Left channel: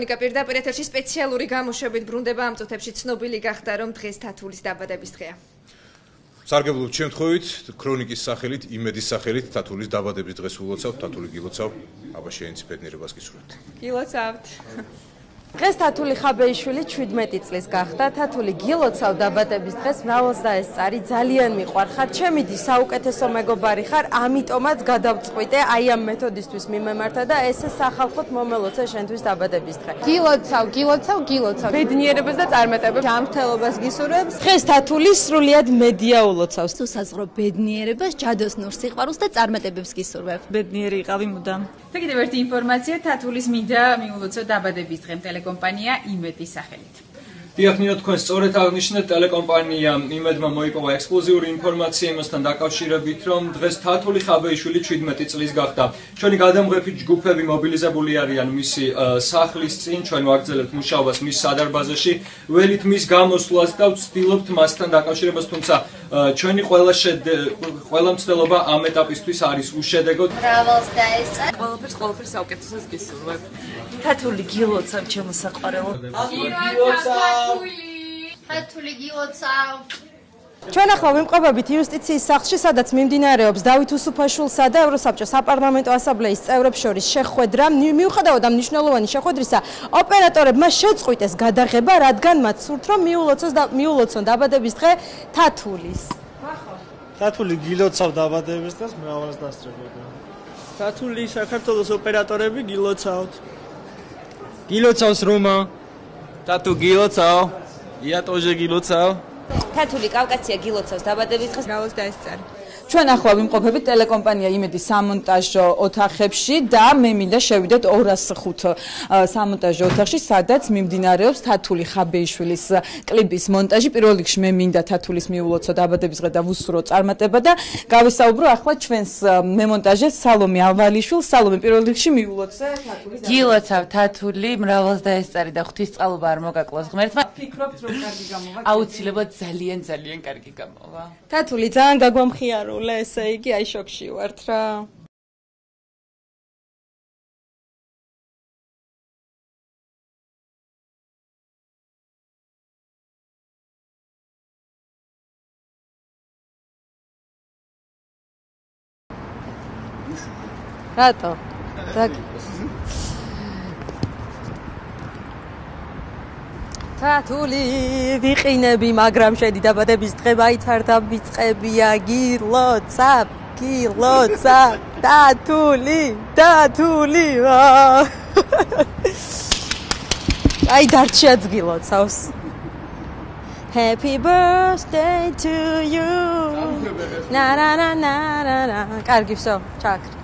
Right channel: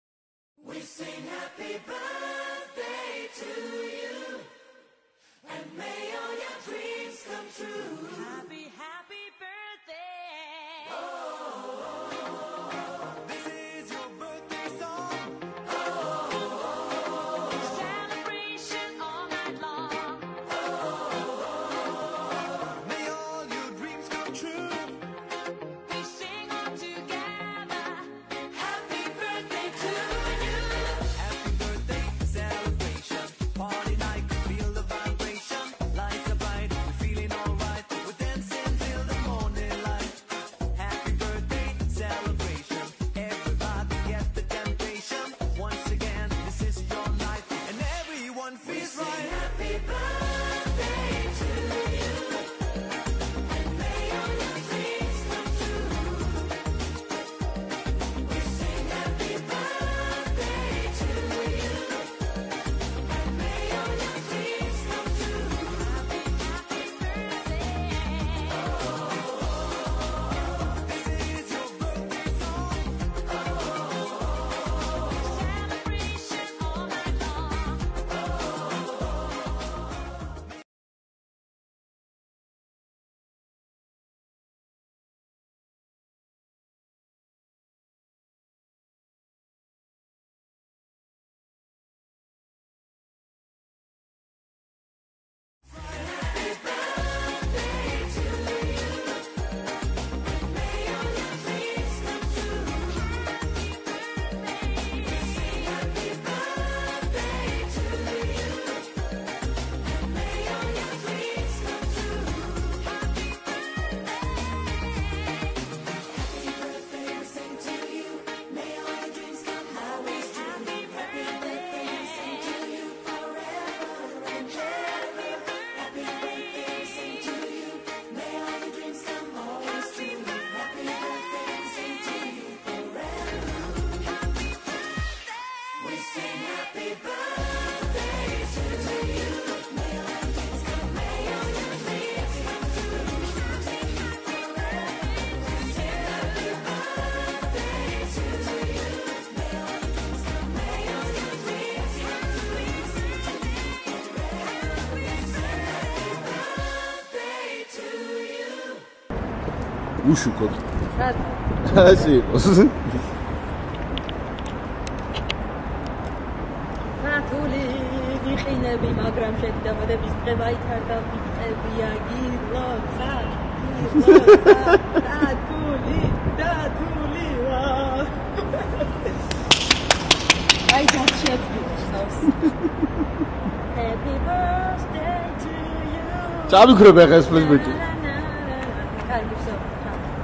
ქრონიკა პირდაპირ ეთერში სპეციალური გამოშვებით ბრუნდება ამ წუთებში ცნობილი გახდა რომ დღეს თათულის დაბადების დღეა. სარგებლობთ შემთხვევით ქრონიკის სახელით, იმედის სახელით თათულის დაბადების დღეს ულოცავთ, თათული გილოცავ, აბა შეინცი ბედნიერებას გისურვებთ. გილოცავთ. დღეს თათული ხაბეიშვილი 17 წლის გახდა. თათული გილოცავ დაბადების დღეს მრავალს და ეს წარი ძალიან მიყვარხარ. ჩემი დი საუკეთესო მეგობარი ხარ, ამიტომაც გადავწყვიტე აი ამ მეთოდისთვის მიმემართა და ესე სახალხოდ მომელოცე შენთვის დაბადების დღე. გილოცავ. ბედნიერებას და წარმატებებს, ჯანმრთელობას გისურვებს. დღეს თათული სრულიად მედია ულოცავს. თუ საზღვრო ბედნიერებას, ჯადოსნურ სიყვარულს და წარმატებებს გისურვებ. ბედნიერი იყავი მუდამ. კიდევ ერთი ინფორმაცია თათულის მინდა მიულოცო დაბადების დღე ტელეკომპანია იმედის სახელით. Იახნიო თქვენ სწორედ აღნიშნეთ ტელეკომპანია იმედმა მოიპოვა ექსკლუზიური ინფორმაცია იმასთან დაკავშირებით, რომ დღეს თათული ხაბეიშვილი 17 წლის გახდა. ჩვენი გადამღები ჯგუფები მობილიზებული არიან მისი სახლის წინ, ჩვენ ვაგრძელებთ მუშაობას მის სადარბაზოში, ველით მის გამოსვლას და ვცდილობთ მასთან დაკავშირებას, თუმცა ჩვენი ყველა მცდელობა ამ ეტაპისთვის არის უშედეგოდ. მრავალს და ეს წარი ყველაფერს საუკეთესოს გისურვებ. თათული გილოცავ ჩემო საყვარელო. თათული გილოცავ. ჩვენ ახლა ვიმყოფებით იუსტიციის სახლში, სადაც მიმდინარეობს დავით უსუფაშვილსა და ევროსაბჭოს საპარლამენტო ასამბლეის წევრებს შორის შეხვედრა. მიუხედავად ამ მნიშვნელოვანი შეხვედრისა, ოპერატორებმა შეწყვიტეს გადაღება, რადგან მათ სურთ, რომ მიულოცონ დაბადების დღე თათულის. თათული გილოცავ დაბადების დღეს მრავალს დასწრებენ. თათული საქართველოს ოპერატორები გილოცავთ. გილოცავს რომა. თათუ გილოცავ. იატოჟე გილოცავ. თათული კავკასია გილოცავს დაბადების დღეს მრავალს და ეს წარი. ჩვენ ახლა ვიმყოფებით ტელეკომპანია იმედის სამონტაჟო ოთახებში და მე მინდა შევიდეთ 205 სამონტაჟო ოთახში, სადაც მიმდინარეობს თათული ხაბეიშვილის კლიპის მონტაჟი. პირველ რიგში მე მინდა თათულის მიულოცო დაბადების დღე და ვუსურვო წარმატება და გავისაუბრო ახლა ჩვენს მემონტაჟეს სალომე ავალიშვილს. სალომე, პირველ რიგში მიულოცე თათული. გილოცავ თათული, მრავალს და ეს წარი და ღვთისმწყალობა არ მოგაკლოს ღმერთმა. აუცილებლად ძალიან კარგი. თათული ძალიან გაგვამხიარულე, ესე იგი აი შოქში ვარ რა. უშუქოთ. რატო? ასე იყოს. თათული ვიყინები, მაგრამ შენი დაბადების დღე მაიცარდა მიწებია გილოცავ. თათული. აი დარჩიაც გილოცავს. Happy birthday to you. წავიქრებ ახლა ეს. კარგი, всё, ჩაკ.